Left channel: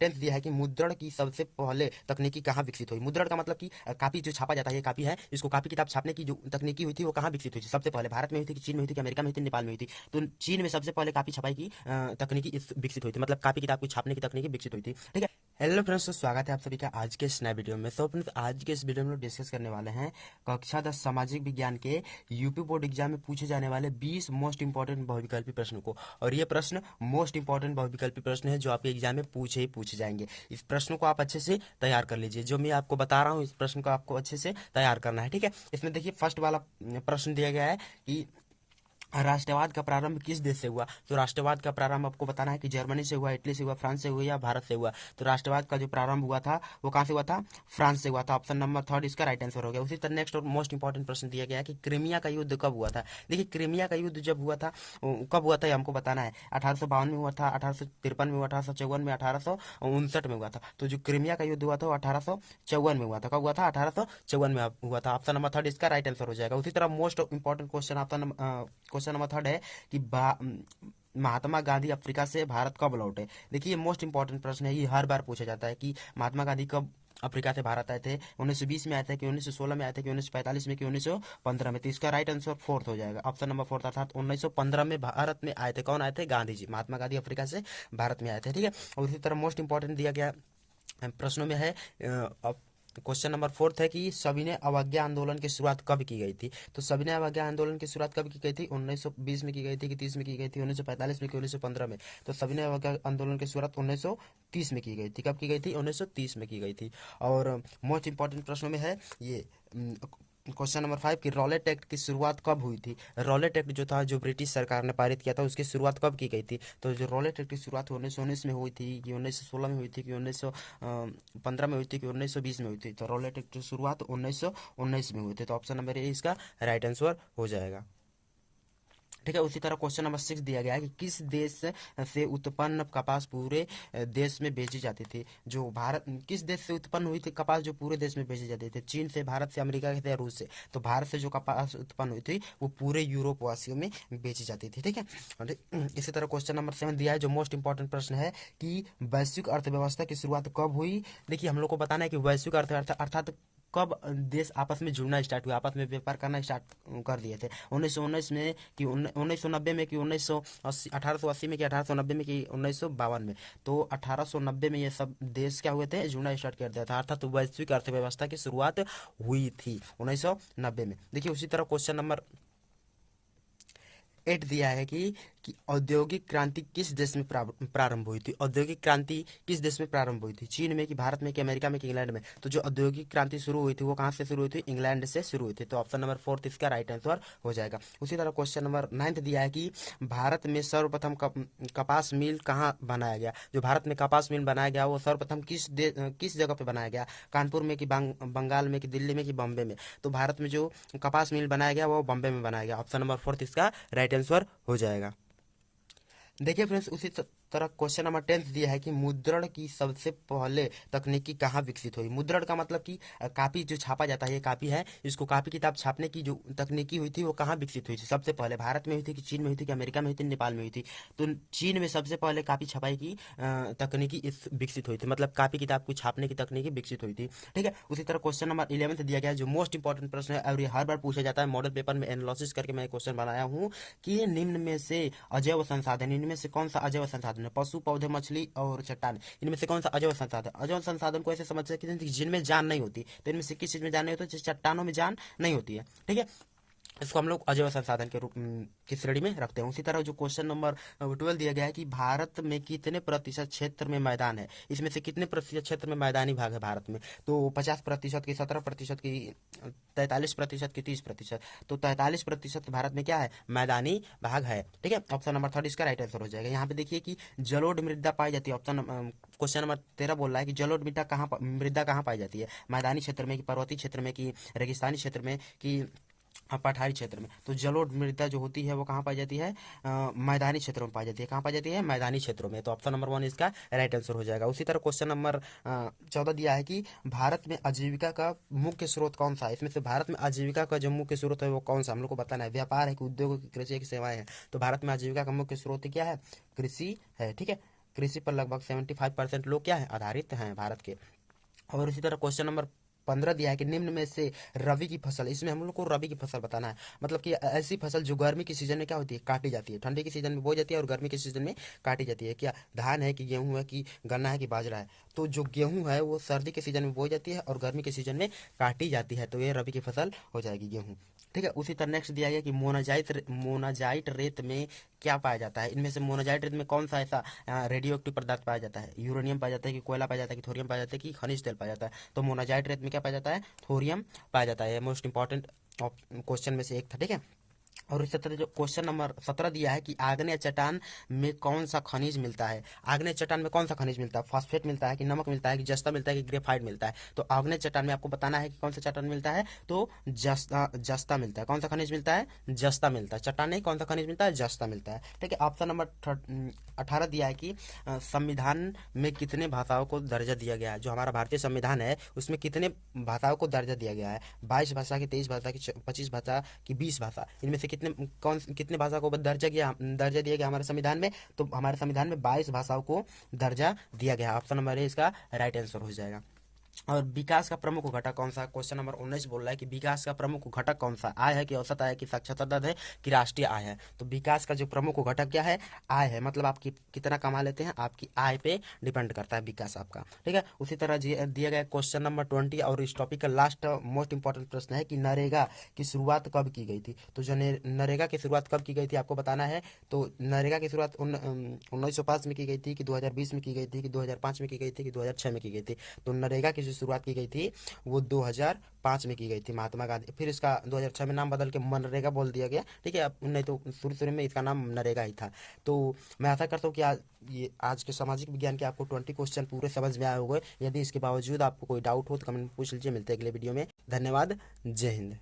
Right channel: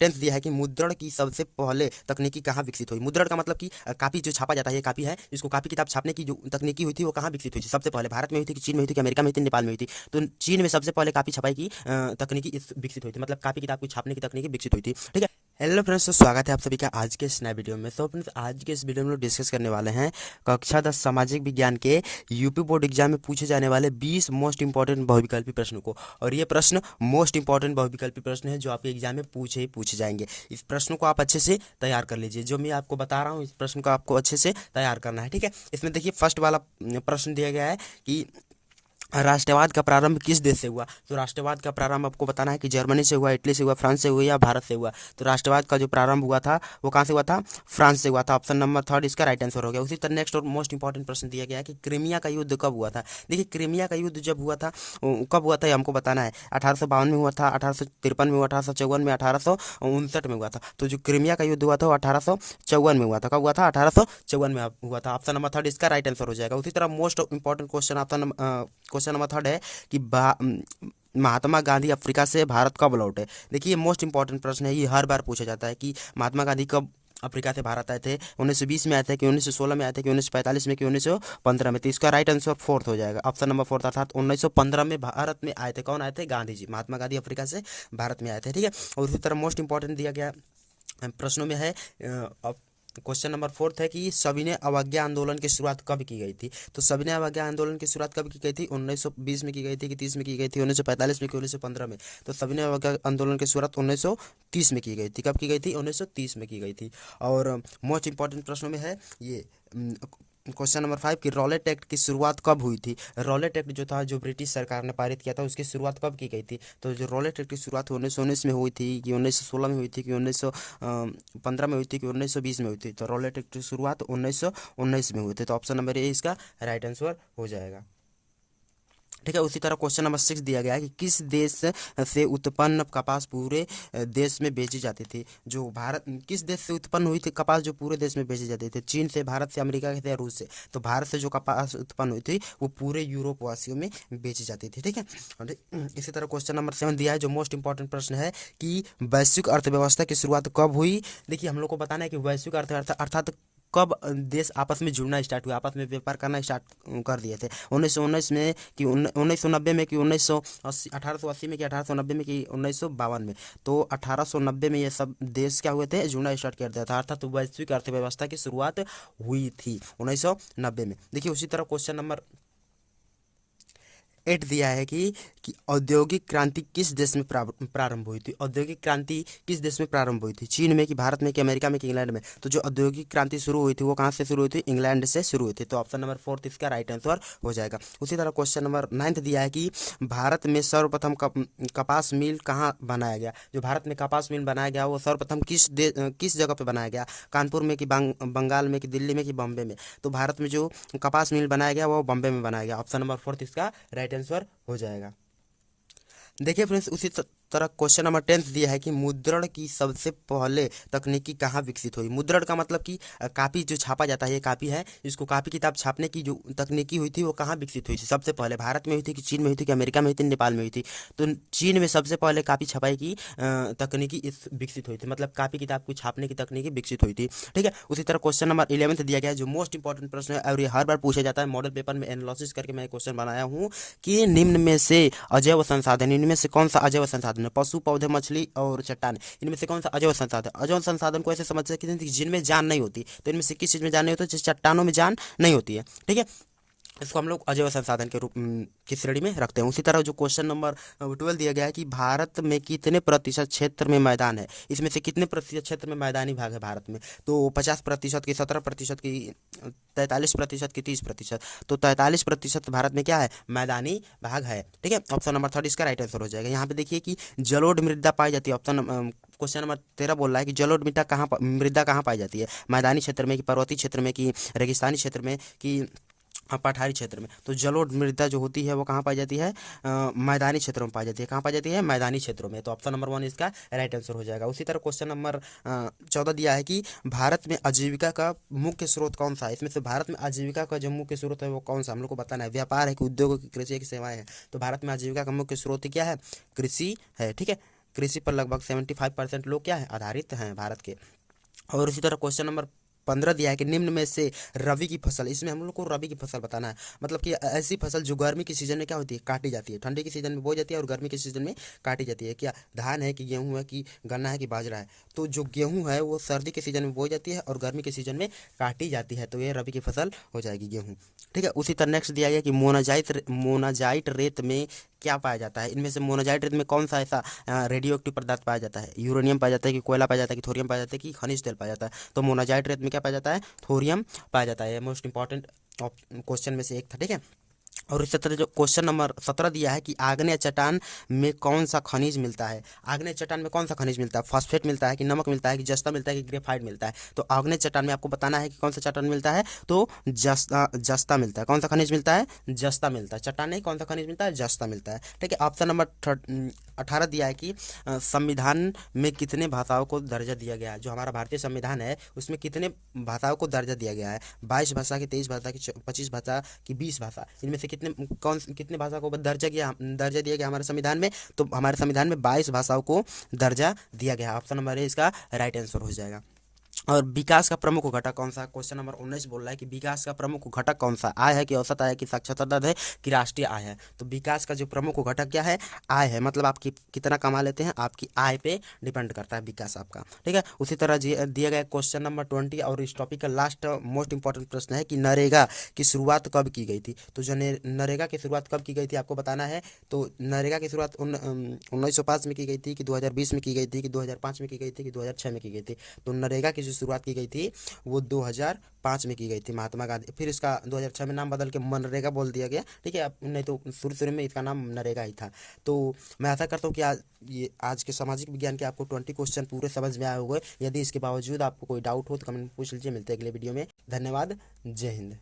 Tenth दिया है कि मुद्रण की सबसे पहले तकनीकी कहाँ विकसित हुई। मुद्रण का मतलब कि कापी जो छापा जाता है, ये कापी है, इसको कापी किताब छापने की जो तकनीकी हुई थी वो कहाँ विकसित हुई थी। सबसे पहले भारत में हुई थी कि चीन में हुई थी कि अमेरिका में हुई थी, नेपाल में हुई थी। तो चीन में सबसे पहले कापी छपाई की तकनीकी विकसित हुई थी, मतलब कापी किताब को छापने की तकनीकी विकसित हुई थी। ठीक है। हेलो फ्रेंड्स, तो स्वागत है आप सभी का आज के इस नए वीडियो में। तो फ्रेंड्स, आज के इस वीडियो में लोग डिस्कस करने वाले हैं कक्षा 10 सामाजिक विज्ञान के यूपी बोर्ड एग्जाम में पूछे जाने वाले 20 मोस्ट इंपॉर्टेंट बहुविकल्पी प्रश्नों को। और ये प्रश्न मोस्ट इंपॉर्टेंट बहुविकल्पी प्रश्न है जो आपके एग्जाम में पूछे जाएंगे। इस प्रश्न को आप अच्छे से तैयार कर लीजिए। जो मैं आपको बता रहा हूँ, इस प्रश्न को आपको अच्छे से तैयार करना है। ठीक है। इसमें देखिए, फर्स्ट वाला प्रश्न दिया गया है कि राष्ट्रवाद का प्रारंभ किस देश से हुआ। तो राष्ट्रवाद का प्रारंभ आपको बताना है कि जर्मनी से हुआ, इटली से हुआ, फ्रांस से हुआ या भारत से हुआ। तो राष्ट्रवाद का जो प्रारंभ हुआ था वो कहाँ से हुआ था? फ्रांस से हुआ था। ऑप्शन नंबर थर्ड इसका राइट आंसर हो गया। उसी तरह नेक्स्ट और मोस्ट इंपॉर्टेंट प्रश्न दिया गया है कि क्रीमिया का युद्ध कब हुआ था। देखिए, क्रीमिया का युद्ध जब हुआ था, कब हुआ था ये हमको बताना है। 1852 में हुआ था, 1853 में हुआ, 1854 में, 1859 में हुआ था। तो जो क्रीमिया का युद्ध हुआ था वो 1854 में हुआ था। कब हुआ था? 1854 में हुआ था। ऑप्शन नंबर थर्ड इसका राइट आंसर हो जाएगा। उसी तरह most important question question number third है कि महात्मा गांधी अफ्रीका से भारत कब लौटे। देखिए, ये मोस्ट इंपॉर्टेंट प्रश्न है, ये हर बार पूछा जाता है कि महात्मा गांधी कब अफ्रीका से भारत आए थे। 1920 में आए थे कि 1916 में आए थे कि 1945 में कि 1915 में। तो इसका राइट आंसर फोर्थ हो जाएगा, ऑप्शन नंबर फोर्थ, अर्थात 1915 में भारत में आए थे। कौन आए थे? गांधी जी। महात्मा गांधी अफ्रीका से भारत में आए थे। ठीक है। और इसी तरह मोस्ट इंपॉर्टेंट दिया गया प्रश्नों में है क्वेश्चन नंबर फोर्थ है कि सविनय अवज्ञा आंदोलन की शुरुआत कब की गई थी। तो सविनय अवज्ञा आंदोलन की शुरुआत कब की गई थी? 1920 में की गई थी कि 30 में की गई थी, 1945 में कि 1915 में। तो सविनय अवज्ञा आंदोलन की शुरुआत 1930 में की गई थी। कब की गई थी? 1930 में की गई थी। और मोस्ट इंपॉर्टेंट प्रश्नों में है ये क्वेश्चन नंबर 5 कि रॉलेट एक्ट की शुरुआत कब हुई थी। रॉलेट एक्ट जो था, जो ब्रिटिश सरकार ने पारित किया था, उसकी शुरुआत कब की गई थी। तो जो रॉलेट एक्ट की शुरुआत 1919 में हुई थी कि 1916 में हुई थी कि 1915 में हुई थी कि 1920 में हुई थी। तो रॉलेट एक्ट की शुरुआत 1919 में हुई थी। तो ऑप्शन नंबर ए इसका राइट आंसर हो जाएगा। ठीक है। उसी तरह क्वेश्चन नंबर 6 दिया गया है कि किस देश से उत्पन्न कपास पूरे देश में बेची जाती थी। जो भारत, किस देश से उत्पन्न हुई थी कपास जो पूरे देश में बेची जाती थी? चीन से, भारत से, अमेरिका से या रूस से? तो भारत से जो कपास उत्पन्न हुई थी वो पूरे यूरोप वासियों में बेची जाती थी। ठीक है। और इसी तरह क्वेश्चन नंबर 7 दिया है, जो मोस्ट इंपॉर्टेंट प्रश्न है कि वैश्विक अर्थव्यवस्था की शुरुआत कब हुई। देखिए, हम लोग को बताना है कि वैश्विक अर्थव्यवस्था अर्थात कब देश आपस में जुड़ना स्टार्ट हुआ, आपस में व्यापार करना स्टार्ट कर दिए थे। 1919 में कि 1990 में कि 1980, 1880 में कि 1890 में कि 1952 में। तो 1890 में ये सब देश क्या हुए थे? जुड़ना स्टार्ट कर दिया था, अर्थात तो वैश्विक अर्थव्यवस्था की शुरुआत हुई थी 1990 में। देखिए, उसी तरह क्वेश्चन नंबर 8 दिया है कि औद्योगिक क्रांति किस देश में प्रारंभ हुई थी। औद्योगिक क्रांति किस देश में प्रारंभ हुई थी? चीन में कि भारत में कि अमेरिका में कि इंग्लैंड में? तो जो औद्योगिक क्रांति शुरू हुई थी वो कहाँ से शुरू हुई थी? इंग्लैंड से शुरू हुई थी। तो ऑप्शन नंबर फोर्थ इसका राइट आंसर हो जाएगा। उसी तरह क्वेश्चन नंबर 9 दिया है कि भारत में सर्वप्रथम कपास मिल कहाँ बनाया गया। जो भारत में कपास मिल बनाया गया वो सर्वप्रथम किस जगह पे बनाया गया? कानपुर में कि बंगाल में कि दिल्ली में कि बॉम्बे में? तो भारत में जो कपास मिल बनाया गया वो बॉम्बे में बनाया गया। ऑप्शन नंबर फोर्थ इसका राइट आंसर हो जाएगा। देखिए फ्रेंड्स, उसी तरह क्वेश्चन नंबर 10 दिया है कि मुद्रण की सबसे पहले तकनीकी कहाँ विकसित हुई। मुद्रण का मतलब कि कापी जो छापा जाता है, ये कापी है, इसको कापी किताब छापने की जो तकनीकी हुई थी वो कहाँ विकसित हुई थी सबसे पहले? भारत में हुई थी कि चीन में हुई थी कि अमेरिका में हुई थी, नेपाल में हुई थी? तो चीन में सबसे पहले कापी छपाई की तकनीकी विकसित हुई थी, मतलब कापी किताब को छापने की तकनीकी विकसित हुई थी। ठीक है। उसी तरह क्वेश्चन नंबर 11 दिया गया है, जो मोस्ट इंपॉर्टेंट प्रश्न है और ये हर बार पूछा जाता है। मॉडल पेपर में एनालिसिस करके मैं क्वेश्चन बनाया हूँ कि निम्न में से अजैव संसाधन, इनमें से कौन सा अजैव संसाधन है? पशु, पौधे, मछली और चट्टान, इनमें से कौन सा अजैव संसाधन? अजैव संसाधन को ऐसे समझ सकते हैं कि जिनमें जान नहीं होती। तो इनमें से किस चीज में जान नहीं होती? चट्टानों में जान नहीं होती है। ठीक है। इसको हम लोग अजैव संसाधन के रूप की श्रेणी में रखते हैं। उसी तरह जो क्वेश्चन नंबर 12 दिया गया है कि भारत में कितने प्रतिशत क्षेत्र में मैदान है। इसमें से कितने प्रतिशत क्षेत्र में मैदानी भाग है भारत में? तो 50% की, 17% की, 43% की, 30%। तो 43% भारत में क्या है? मैदानी भाग है। ठीक है। ऑप्शन नंबर थर्ड इसका राइट आंसर हो जाएगा। यहाँ पे देखिए कि जलोढ़ मृदा पाई जाती है। ऑप्शन क्वेश्चन नंबर 13 बोल रहा है कि जलोढ़ मृदा कहाँ पाई जाती है? मैदानी क्षेत्र में कि पर्वतीय क्षेत्र में कि रेगिस्तानी क्षेत्र में कि पठारी क्षेत्र में? तो जलोढ़ मृदा जो होती है वो कहाँ पाई जाती है? मैदानी क्षेत्रों में पाई जाती है। कहाँ पाई जाती है? मैदानी क्षेत्रों में। तो ऑप्शन नंबर 1 इसका राइट आंसर हो जाएगा। उसी तरह क्वेश्चन नंबर 14 दिया है कि भारत में आजीविका का मुख्य स्रोत कौन सा है। इसमें से भारत में आजीविका का जो मुख्य स्रोत है वो कौन सा? हम लोग को बताना है। व्यापार है कि उद्योग है कि कृषि है कि सेवाएं हैं? तो भारत में आजीविका का मुख्य स्रोत क्या है? कृषि है। ठीक है। कृषि पर लगभग 75% लोग क्या है, आधारित हैं भारत के। और इसी तरह क्वेश्चन नंबर 15 दिया है कि निम्न में से रबी की फसल, इसमें हम लोग को रबी की फसल बताना है। मतलब कि ऐसी फसल जो गर्मी के सीजन में क्या होती है, काटी जाती है, ठंडी के सीजन में बोई जाती है और गर्मी के सीजन में काटी जाती है। क्या धान है कि गेहूं है कि गन्ना है कि बाजरा है। तो जो गेहूं है वो सर्दी के सीजन में बोई जाती है और गर्मी के सीजन में काटी जाती है, तो ये रबी की फसल हो जाएगी, गेहूं। ठीक है। उसी तरह नेक्स्ट दिया गया कि मोनाजाइट रेत में क्या पाया जाता है। इनमें से मोनाजाइट रेत में कौन सा ऐसा रेडियो एक्टिव पदार्थ पाया जाता है, यूरेनियम पाया जाता है कि कोयला पाया जाता है कि थोरियम पाया जाता है कि खनिज तेल पाया जाता है। तो मोनाजाइट रेत में क्या पाया जाता है, थोरियम पाया जाता है। ये मोस्ट इंपॉर्टेंट क्वेश्चन में से एक था। ठीक है। और इसी तरह जो क्वेश्चन नंबर 17 दिया है कि आग्नेय चट्टान में कौन सा खनिज मिलता है। आग्नेय चट्टान में कौन सा खनिज मिलता है, फॉस्फेट मिलता है कि नमक मिलता है कि जस्ता मिलता है कि ग्रेफाइट मिलता है। तो आग्नेय चट्टान में आपको बताना है कि कौन सा चट्टान मिलता है, तो जस्ता मिलता है। कौन सा खनिज मिलता है, जस्ता मिलता है। चट्टान नहीं, कौन सा खनिज मिलता है, जस्ता मिलता है। ठीक है। ऑप्शन नंबर 18 दिया है कि संविधान में कितने भाषाओं को दर्जा दिया गया है। जो हमारा भारतीय संविधान है उसमें कितने भाषाओं को दर्जा दिया गया है, 22 भाषा की, 23 भाषा की, 25 भाषा की, 20 भाषा। इनमें से कितने भाषा को दर्जा दिया गया हमारे संविधान में। तो हमारे संविधान में 22 भाषाओं को दर्जा दिया गया। ऑप्शन नंबर ए इसका राइट आंसर हो जाएगा। और विकास का प्रमुख घटक कौन सा है, क्वेश्चन नंबर 19 बोल रहा है कि विकास का प्रमुख घटक कौन सा, आय है कि औसत आय है कि साक्षरता दर है कि राष्ट्रीय आय है। तो विकास का जो प्रमुख घटक क्या है, आय है। मतलब आप कितना कमा लेते हैं, आपकी आय पे डिपेंड करता है विकास आपका। ठीक है। उसी तरह दिया गया क्वेश्चन नंबर 20 और इस टॉपिक का लास्ट मोस्ट इंपॉर्टेंट प्रश्न है कि नरेगा की शुरुआत कब की गई थी। तो जो नरेगा की शुरुआत कब की गई थी आपको बताना है। तो नरेगा की शुरुआत 1905 में की गई थी कि 2020 में की गई थी कि 2005 में की गई थी कि 2006 में की गई थी। तो नरेगा की जो शुरुआत की गई थी वो 2005 में की गई थी, महात्मा गांधी। फिर इसका 2006 में नाम बदल के मनरेगा बोल दिया गया। ठीक है। अब नहीं तो शुरू में इसका नाम नरेगा ही था। तो मैं आशा करता हूँ कि आज के सामाजिक विज्ञान के आपको 20 क्वेश्चन पूरे समझ में आए होंगे। यदि इसके बावजूद आपको कोई डाउट हो तो कमेंट में पूछ लीजिए। मिलते हैं अगले वीडियो में। धन्यवाद। जय हिंद।